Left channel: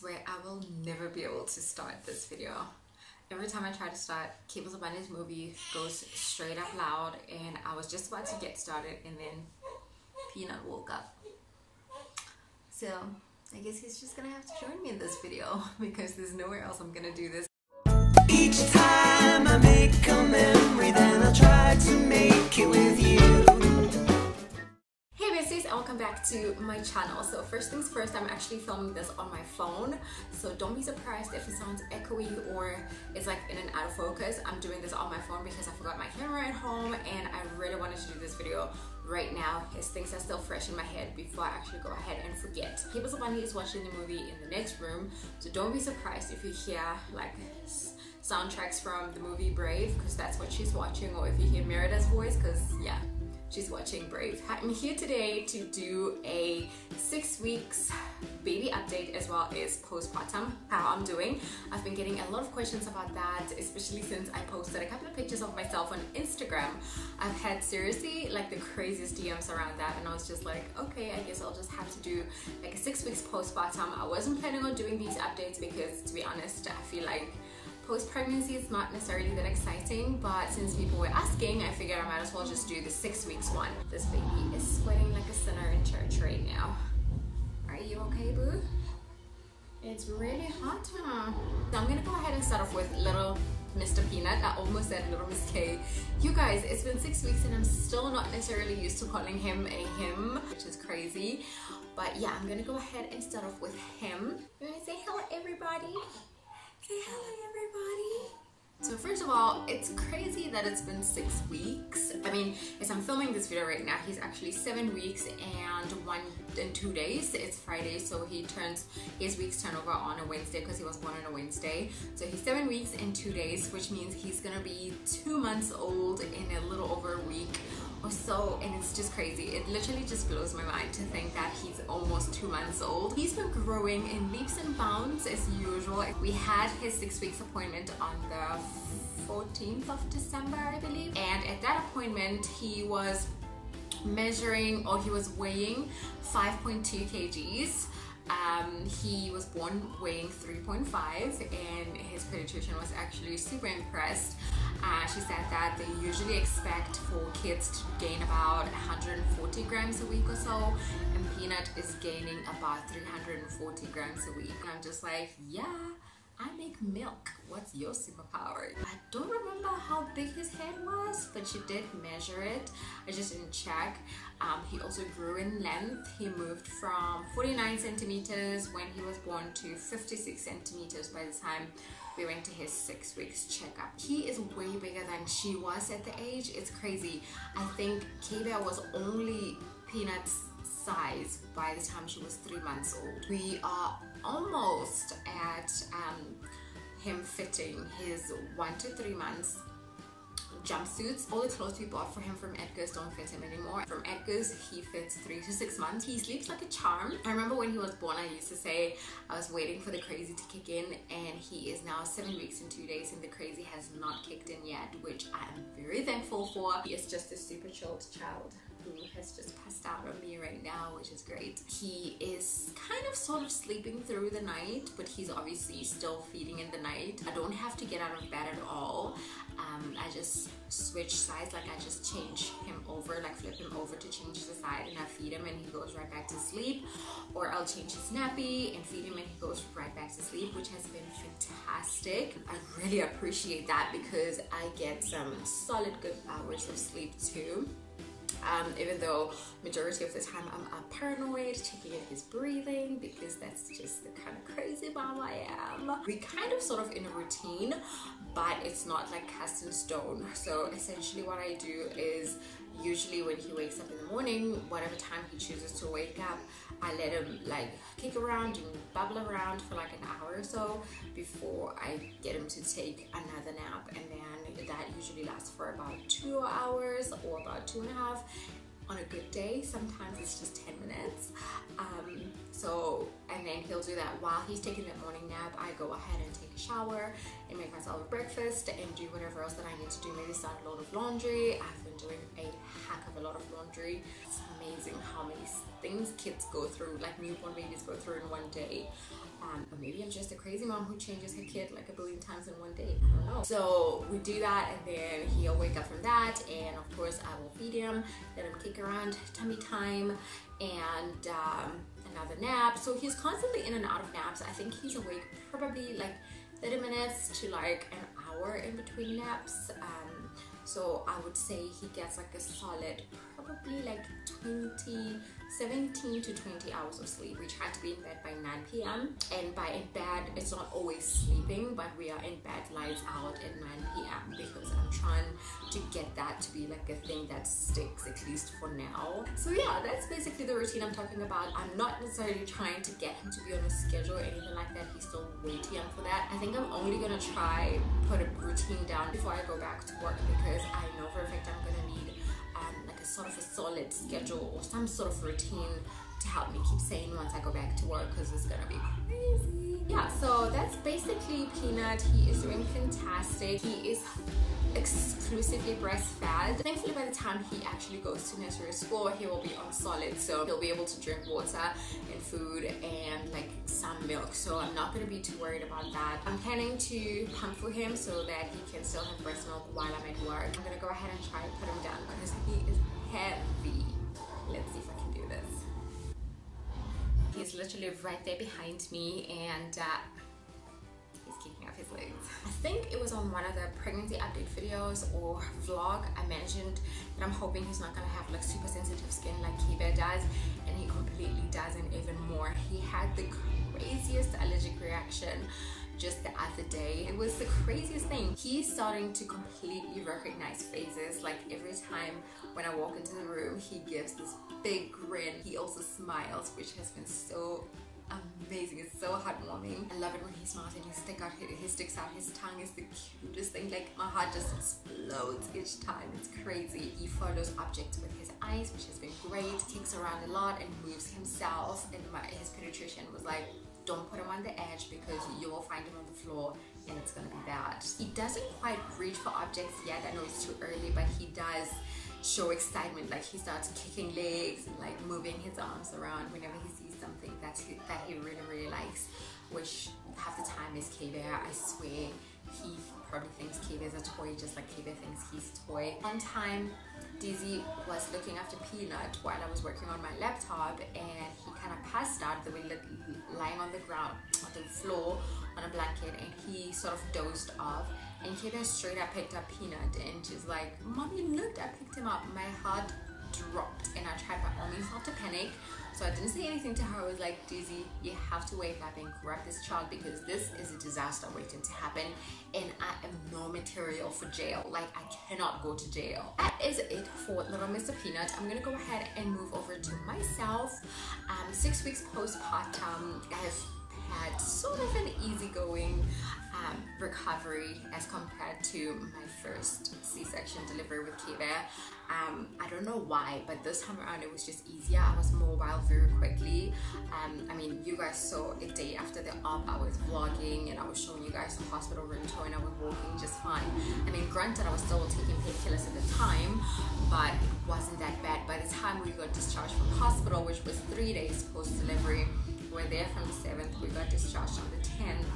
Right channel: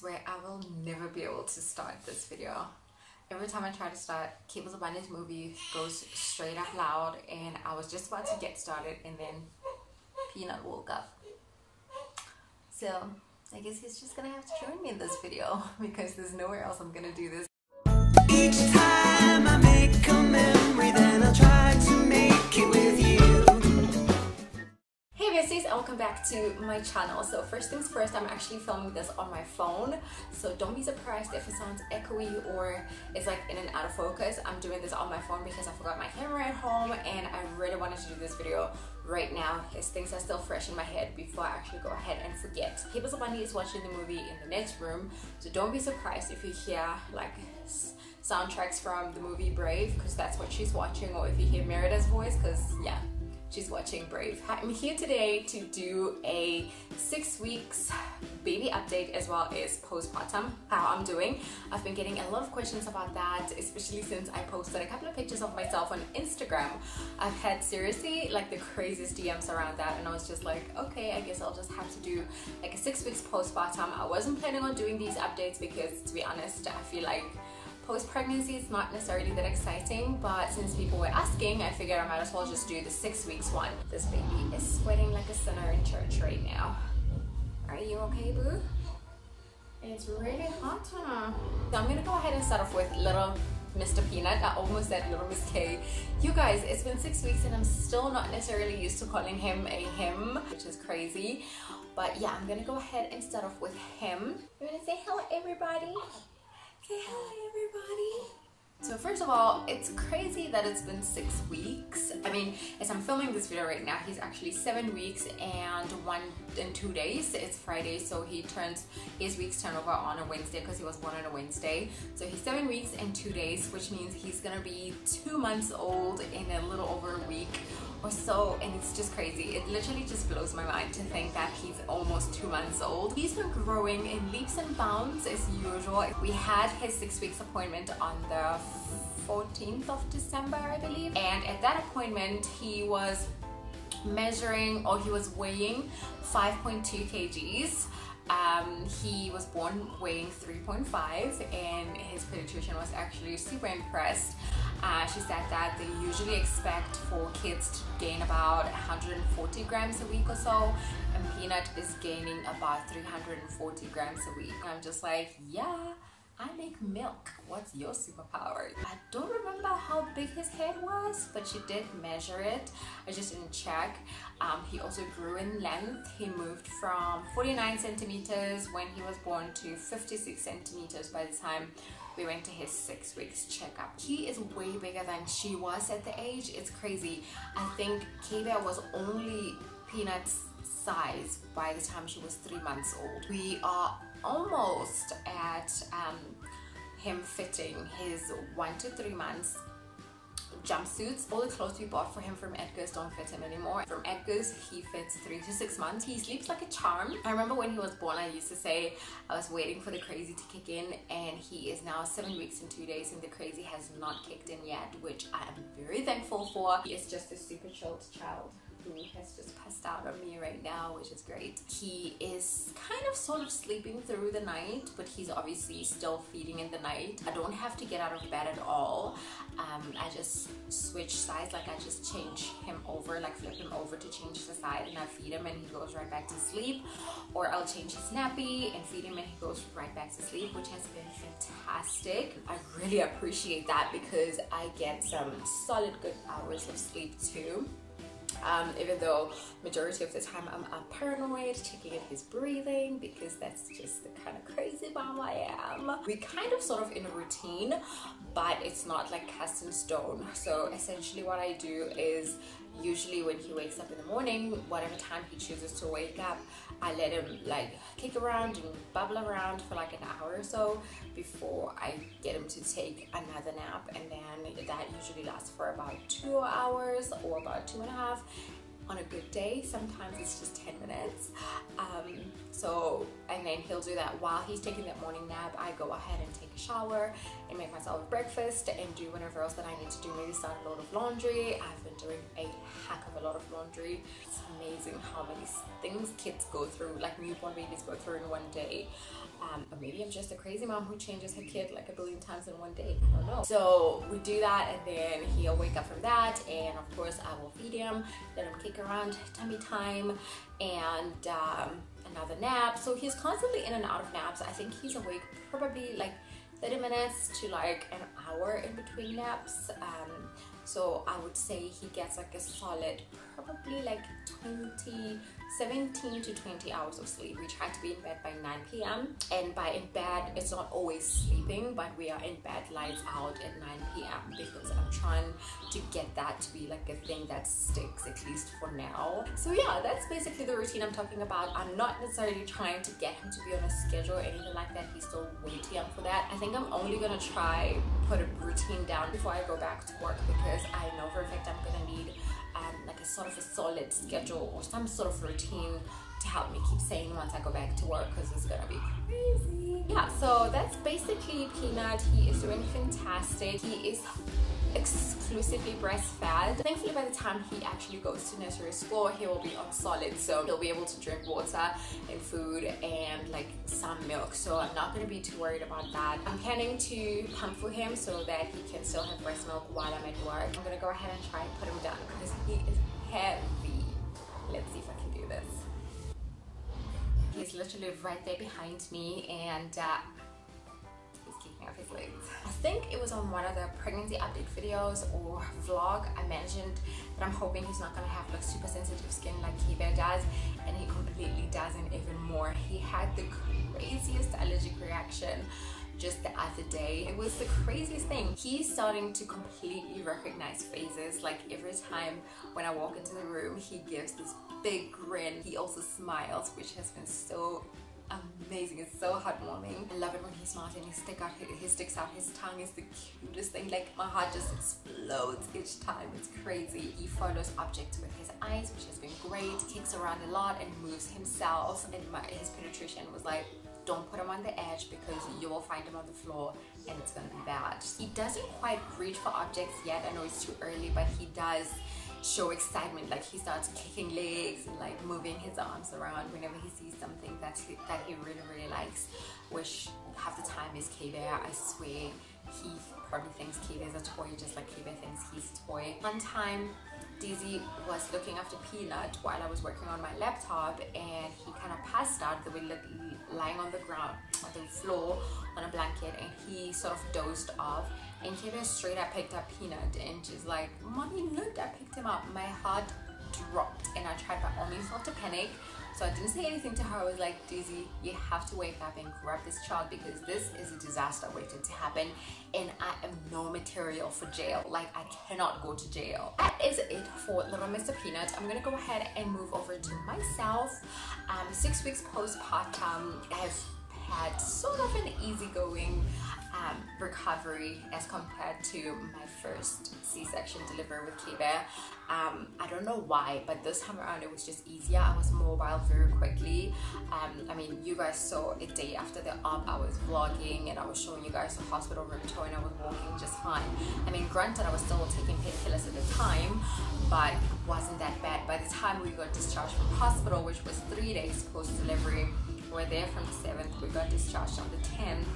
swear I will never be able to start this video. Every time I try to start, Cables of Bunny's movie goes straight up loud, and I was just about to get started and then Peanut woke up. So I guess he's just gonna have to join me in this video because there's nowhere else I'm gonna do this. Each time I make a memory, then I'll try to make it with you. Hey besties, and welcome back to my channel. So first things first, I'm actually filming this on my phone, so don't be surprised if it sounds echoey or it's like in and out of focus. I'm doing this on my phone because I forgot my camera at home and I really wanted to do this video right now as things are still fresh in my head before I actually go ahead and forget. Cables of Bunny is watching the movie in the next room, so don't be surprised if you hear like soundtracks from the movie Brave, because that's what she's watching, or if you hear Merida's voice, because yeah, she's watching Brave. I'm here today to do a 6 weeks baby update as well as postpartum, how I'm doing. I've been getting a lot of questions about that, especially since I posted a couple of pictures of myself on Instagram. I've had seriously like the craziest DMs around that, and I was just like, okay, I guess I'll just have to do like a 6 weeks postpartum. I wasn't planning on doing these updates because, to be honest, I feel like post-pregnancy is not necessarily that exciting, but since people were asking, I figured I might as well just do the 6 weeks one. This baby is sweating like a sinner in church right now. Are you okay, boo? It's really hot, huh? So I'm gonna go ahead and start off with little Mr. Peanut. I almost said little Miss K. You guys, it's been 6 weeks and I'm still not necessarily used to calling him a him, which is crazy. But yeah, I'm gonna go ahead and start off with him. You wanna say hello, everybody? Say hello, everybody. So first of all, it's crazy that it's been 6 weeks. I mean, as I'm filming this video right now, he's actually 7 weeks and 2 days. It's Friday, so his weeks turn over on a Wednesday because he was born on a Wednesday. So he's 7 weeks and 2 days, which means he's gonna be 2 months old in a little over a week or so, and it's just crazy. It literally just blows my mind to think that he's almost 2 months old. He's been growing in leaps and bounds as usual. We had his 6 weeks appointment on the 14th of December, I believe, and at that appointment he was measuring, or he was weighing 5.2 kgs. He was born weighing 3.5, and his pediatrician was actually super impressed. She said that they usually expect for kids to gain about 140 grams a week or so, and Peanut is gaining about 340 grams a week. And I'm just like, yeah, I make milk. What's your superpower? I don't remember how big his head was, but she did measure it. I just didn't check. He also grew in length. He moved from 49 centimeters when he was born to 56 centimeters by the time we went to his 6 weeks checkup. He is way bigger than she was at the age. It's crazy. I think Kayla was only Peanut's size by the time she was 3 months old. We are almost at him fitting his 1 to 3 months jumpsuits. All the clothes we bought for him from Edgar's don't fit him anymore. From Edgar's, he fits 3 to 6 months. He sleeps like a charm. I remember when he was born, I used to say I was waiting for the crazy to kick in, and he is now 7 weeks and 2 days and the crazy has not kicked in yet, which I am very thankful for. He is just a super chilled child who has just passed out on me right now, which is great. He is kind of sort of sleeping through the night, but he's obviously still feeding in the night. I don't have to get out of bed at all. I just switch sides, like I just change him over, like flip him over to change the side, and I feed him and he goes right back to sleep. Or I'll change his nappy and feed him and he goes right back to sleep, which has been fantastic. I really appreciate that because I get some solid good hours of sleep too. Even though majority of the time I'm paranoid, checking in his breathing, because that's just the kind of crazy mom I am. We kind of sort of in a routine, but it's not like cast in stone. So essentially what I do is, usually when he wakes up in the morning, whatever time he chooses to wake up, I let him like kick around and bubble around for like an hour or so before I get him to take another nap, and then that usually lasts for about 2 hours or about 2.5 on a good day. Sometimes it's just 10 minutes. And then he'll do that while he's taking that morning nap. I go ahead and take a shower and make myself breakfast and do whatever else that I need to do. Maybe start a load of laundry. I've been doing a heck of a lot of laundry. It's amazing how many things kids go through, like newborn babies go through in one day. maybe I'm just a crazy mom who changes her kid like a billion times in one day. I don't know. So we do that, and then he'll wake up from that, and of course I will feed him, let him kick around, tummy time, and another nap. So he's constantly in and out of naps. I think he's awake probably like 30 minutes to like an hour in between naps. So I would say he gets like a solid probably like 17 to 20 hours of sleep. We try to be in bed by 9 p.m. and by in bed, it's not always sleeping, but we are in bed lights out at 9 p.m. because I'm trying to get that to be like a thing that sticks, at least for now. So yeah, that's basically the routine I'm talking about. I'm not necessarily trying to get him to be on a schedule or anything like that. He's still way too young for that. I think I'm only gonna try put a routine down before I go back to work, because I know for a fact I'm gonna need like a sort of a solid schedule or some sort of routine to help me keep sane once I go back to work, because it's gonna be crazy. Yeah, so that's basically Peanut. He is doing fantastic. He is exclusively breastfed. Thankfully, by the time he actually goes to nursery school, he will be on solid, so he'll be able to drink water and food and like some milk, so I'm not going to be too worried about that. I'm planning to pump for him so that he can still have breast milk while I'm at work. I'm going to go ahead and try and put him down because he is heavy. Let's see if I can do this. He's literally right there behind me, and he's kicking off his legs. I think it was on one of the pregnancy update videos or vlog I mentioned that I'm hoping he's not gonna have like super sensitive skin like Kiba does, and he completely does, and even more. He had the craziest allergic reaction just the other day. It was the craziest thing. He's starting to completely recognize faces. Like every time when I walk into the room, he gives this big grin. He also smiles, which has been so amazing. It's so heartwarming. I love it when he smiles and he sticks out his tongue. Is the cutest thing. Like my heart just explodes each time. It's crazy. He follows objects with his eyes, which has been great. Kicks around a lot and moves himself, and his pediatrician was like, don't put him on the edge because you will find him on the floor and it's gonna be bad. He doesn't quite reach for objects yet. I know it's too early, but he does show excitement. Like he starts kicking legs and like moving his arms around whenever he sees something that he really likes, which half the time is K-Bear. I swear he probably thinks K-Bear is a toy just like K-Bear thinks he's a toy. One time Dizzy was looking after Peanut while I was working on my laptop, and he kind of passed out. They were lying on the ground, on the floor, on a blanket, and he sort of dozed off. And Kayla straight up picked up Peanut, and she's like, "Mommy, look, I picked him up." My heart dropped, and I tried by all means not to panic. So I didn't say anything to her. I was like, Dizzy, you have to wake up and grab this child because this is a disaster waiting to happen, and I am no material for jail. Like, I cannot go to jail. That is it for little Mr. Peanut. I'm gonna go ahead and move over to myself. 6 weeks postpartum has had sort of an easygoing recovery as compared to my first C-section delivery with Kiba. I don't know why, but this time around it was just easier. I was mobile very quickly. I mean, you guys saw a day after the op, I was vlogging and I was showing you guys the hospital room tour, and I was walking just fine. I mean, granted, I was still taking painkillers at the time, but it wasn't that bad. By the time we got discharged from hospital, which was 3 days post-delivery, we were there from the 7th, we got discharged on the 10th.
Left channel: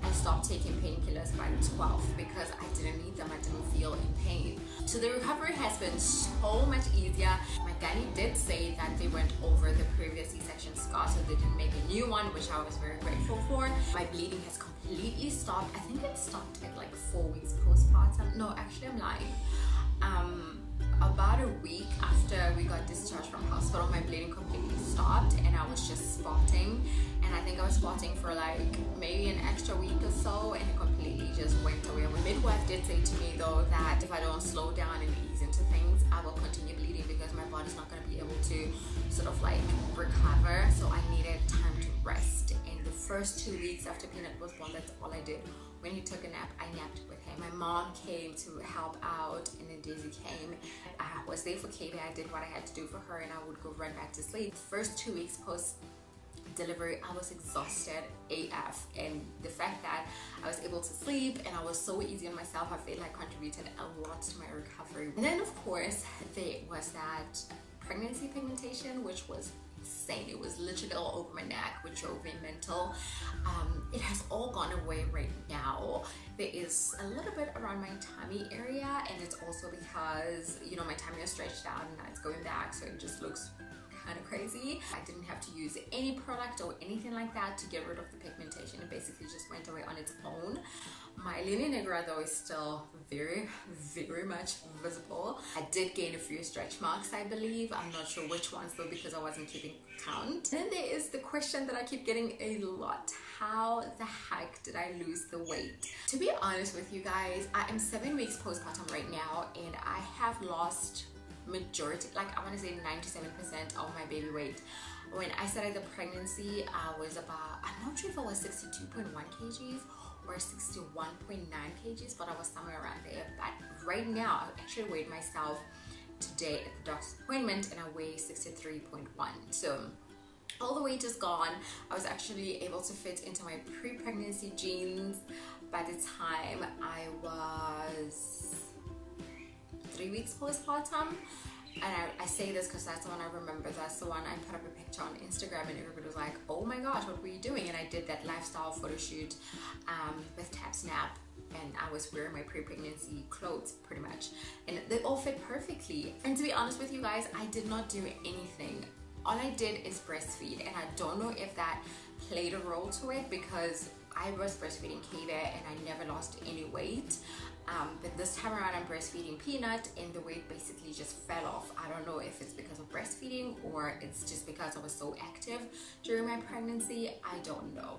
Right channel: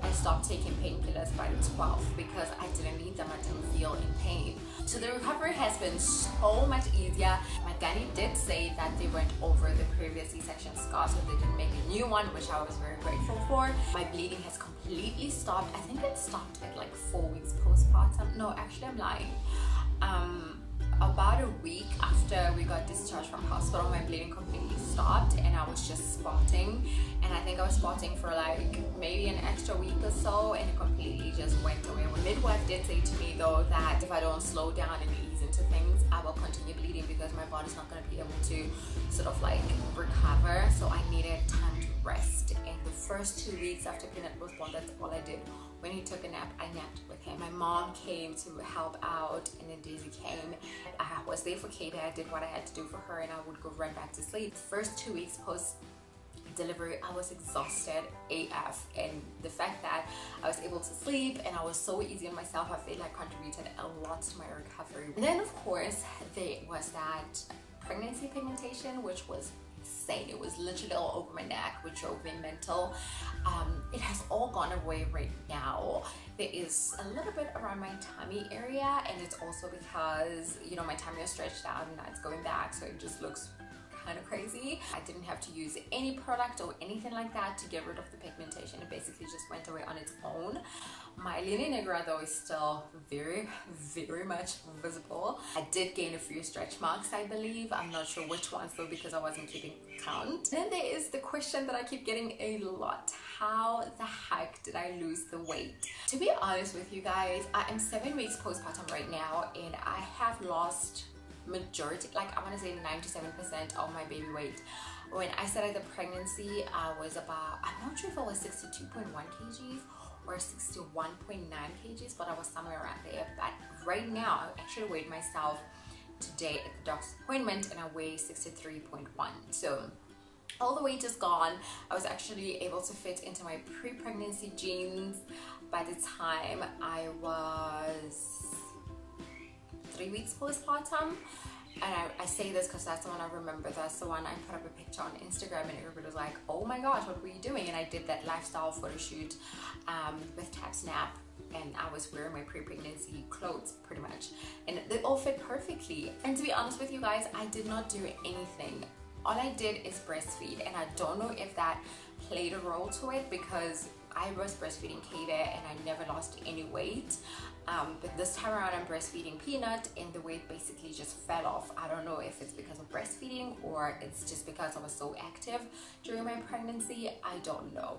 I stopped taking painkillers by the 12th because I didn't need them. I didn't feel in pain. So the recovery has been so much easier. My gynae did say that they went over the previous C-section scar, so they didn't make a new one, which I was very grateful for. My bleeding has completely stopped. I think it stopped at like 4 weeks postpartum. No, actually I'm lying. About a week after we got discharged from hospital, my bleeding completely stopped, and I was just spotting. And I think I was spotting for like maybe an extra week or so, and it completely just went away. My midwife did say to me though that if I don't slow down and ease into things, I will continue bleeding because my body's not going to be able to sort of like recover. So I needed time to rest. And the first 2 weeks after Peanut was born, that's all I did. When he took a nap, I napped with him. My mom came to help out, and then Daisy came. I was there for Kate. I did what I had to do for her, and I would go right back to sleep. The first 2 weeks post delivery, I was exhausted AF, and the fact that I was able to sleep and I was so easy on myself, I feel like contributed a lot to my recovery. And then of course there was that pregnancy pigmentation, which was insane. It was literally all over my neck, which drove me mental. it has all gone away right now. There is a little bit around my tummy area, and it's also because, you know, my tummy is stretched out and now it's going back, so it just looks kind of crazy. I didn't have to use any product or anything like that to get rid of the pigmentation. It basically just went away on its own. My linea negra though is still very much visible. I did gain a few stretch marks, I believe. I'm not sure which ones though, because I wasn't keeping count. Then there is the question that I keep getting a lot: how the heck did I lose the weight? To be honest with you guys, I am 7 weeks postpartum right now, and I have lost majority, like I want to say 97% of my baby weight. When I started the pregnancy, I was about, I'm not sure if it was 62.1 kgs or 61.9 kgs, but I was somewhere around there. But right now, I actually weighed myself today at the doctor's appointment, and I weigh 63.1. So all the weight is gone. I was actually able to fit into my pre-pregnancy jeans by the time I was 3 weeks postpartum. And I say this because that's the one I remember. That's the one I put up a picture on Instagram, and everybody was like, oh my gosh, what were you doing? And I did that lifestyle photo shoot with Tap Snap, and I was wearing my pre-pregnancy clothes pretty much, and they all fit perfectly. And to be honest with you guys, I did not do anything. All I did is breastfeed, and I don't know if that played a role to it, because I was breastfeeding Katie and I never lost any weight. But this time around I'm breastfeeding Peanut, and the weight basically just fell off. I don't know if it's because of breastfeeding or it's just because I was so active during my pregnancy. I don't know.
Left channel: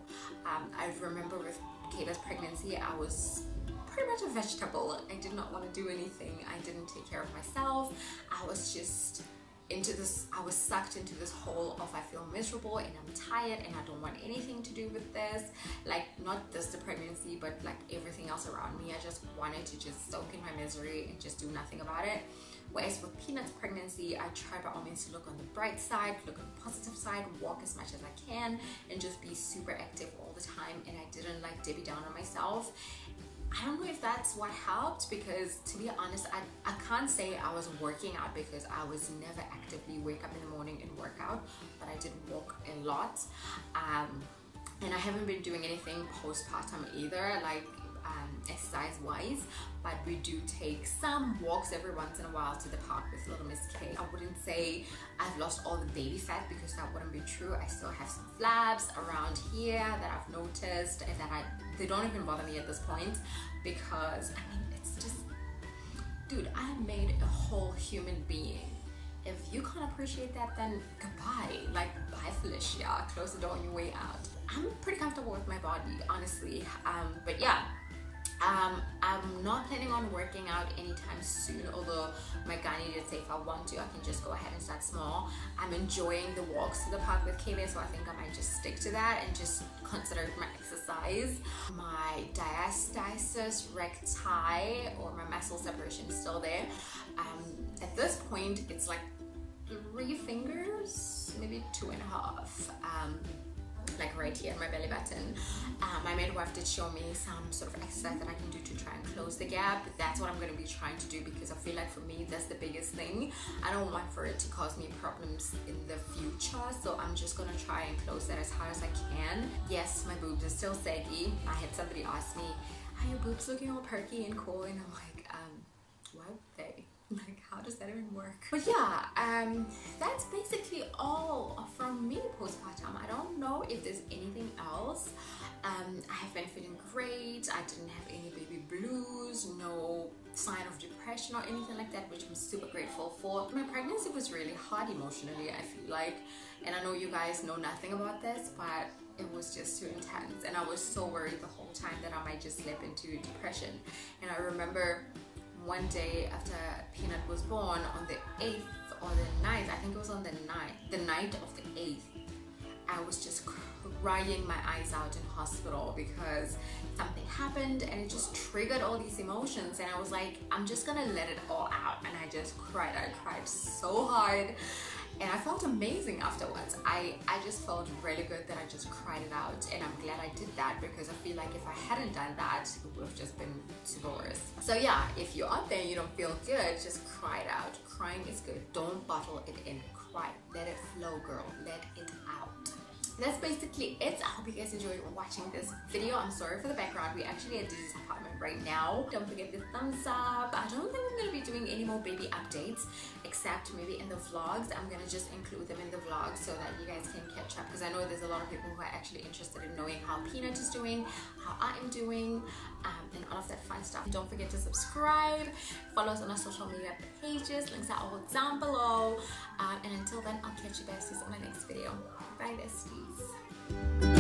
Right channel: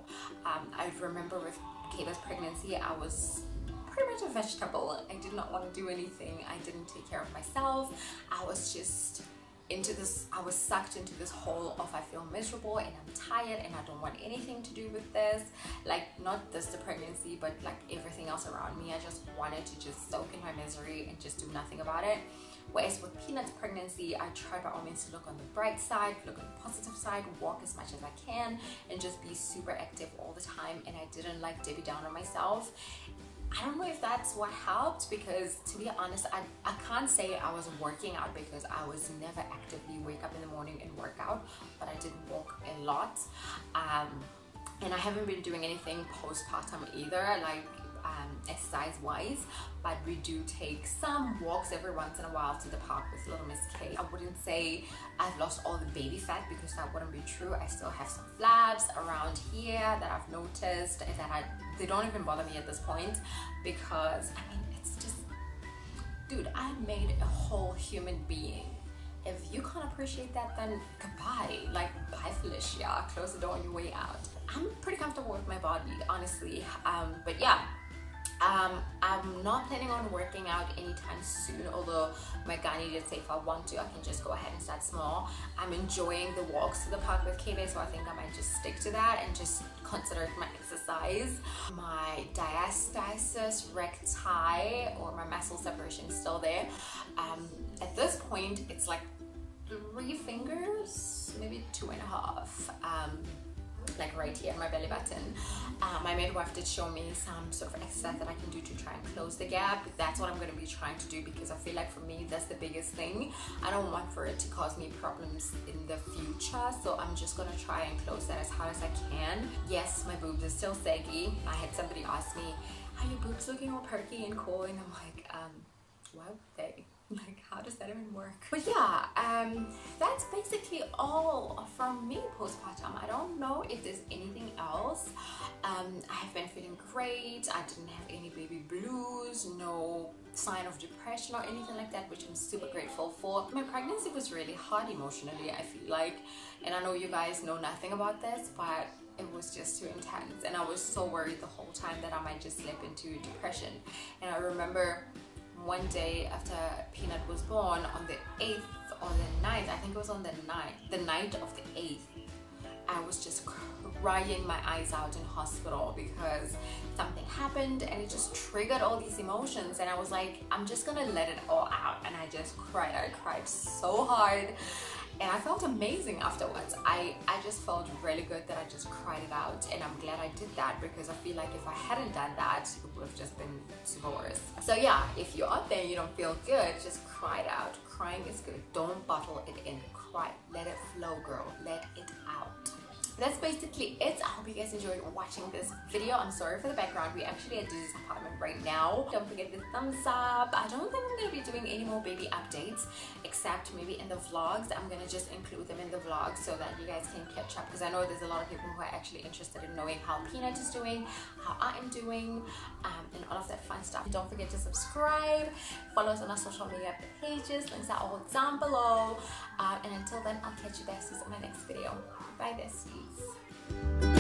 I remember with Katie's pregnancy, I was pretty much a vegetable. I did not want to do anything. I didn't take care of myself. I was just into this, I was sucked into this hole of I feel miserable and I'm tired and I don't want anything to do with this. Like, not just the pregnancy, but like everything else around me. I just wanted to just soak in my misery and just do nothing about it. Whereas with Peanut's pregnancy, I tried by all means to look on the bright side, look on the positive side, walk as much as I can, and just be super active all the time. And I didn't like Debbie down on myself. I don't know if that's what helped, because to be honest, I can't say I was working out, because I was never actively wake up in the morning and work out, but I did walk a lot. And I haven't been doing anything postpartum either, like exercise wise, but we do take some walks every once in a while to the park with little Miss K. I wouldn't say I've lost all the baby fat, because that wouldn't be true. I still have some flabs around here that I've noticed, and that they don't even bother me at this point, because I mean, it's just, dude, I made a whole human being. If you can't appreciate that, then goodbye. Like, bye Felicia, close the door on your way out. I'm pretty comfortable with my body, honestly. But yeah, I'm not planning on working out anytime soon, although my gynae did say if I want to, I can just go ahead and start small. I'm enjoying the walks to the park with Katie, so I think I might just stick to that and just consider it my exercise. My diastasis recti, or my muscle separation, is still there. At this point, it's like 3 fingers, maybe 2.5. Like right here, my belly button. My midwife did show me some sort of exercise that I can do to try and close the gap. That's what I'm going to be trying to do, because I feel like for me, that's the biggest thing. I don't want for it to cause me problems in the future, so I'm just going to try and close that as hard as I can. Yes, my boobs are still saggy. I had somebody ask me, are your boobs looking all perky and cool? And I'm like, why would they? Like, how does that even work? But yeah, that's basically all from me postpartum. I don't know if there's anything else. I've been feeling great. I didn't have any baby blues, no sign of depression or anything like that, which I'm super grateful for. My pregnancy was really hard emotionally, I feel like, and I know you guys know nothing about this, but it was just too intense, and I was so worried the whole time that I might just slip into depression. And I remember one day after Peanut was born, on the 8th or the 9th, I think it was on the night of the 8th, I was just crying my eyes out in hospital because something happened and it just triggered all these emotions, and I was like, I'm just gonna let it all out. And I just cried. I cried so hard, and I felt amazing afterwards. I just felt really good that I just cried it out, and I'm glad I did that, because I feel like if I hadn't done that, it would have just been super worse. So yeah, if you're out there and you don't feel good, just cry it out. Crying is good. Don't bottle it in. Cry. Let it flow, girl. Let it out. that's basically it. I hope you guys enjoyed watching this video. I'm sorry for the background. We're actually at this apartment right now. Don't forget the thumbs up. I don't think I'm going to be doing any more baby updates, except maybe in the vlogs. I'm going to just include them in the vlogs so that you guys can catch up, because I know there's a lot of people who are actually interested in knowing how Peanut is doing, how I am doing, and all of that fun stuff. Don't forget to subscribe, follow us on our social media pages, links are all down below, and until then, I'll catch you guys in my next video. Bye, besties.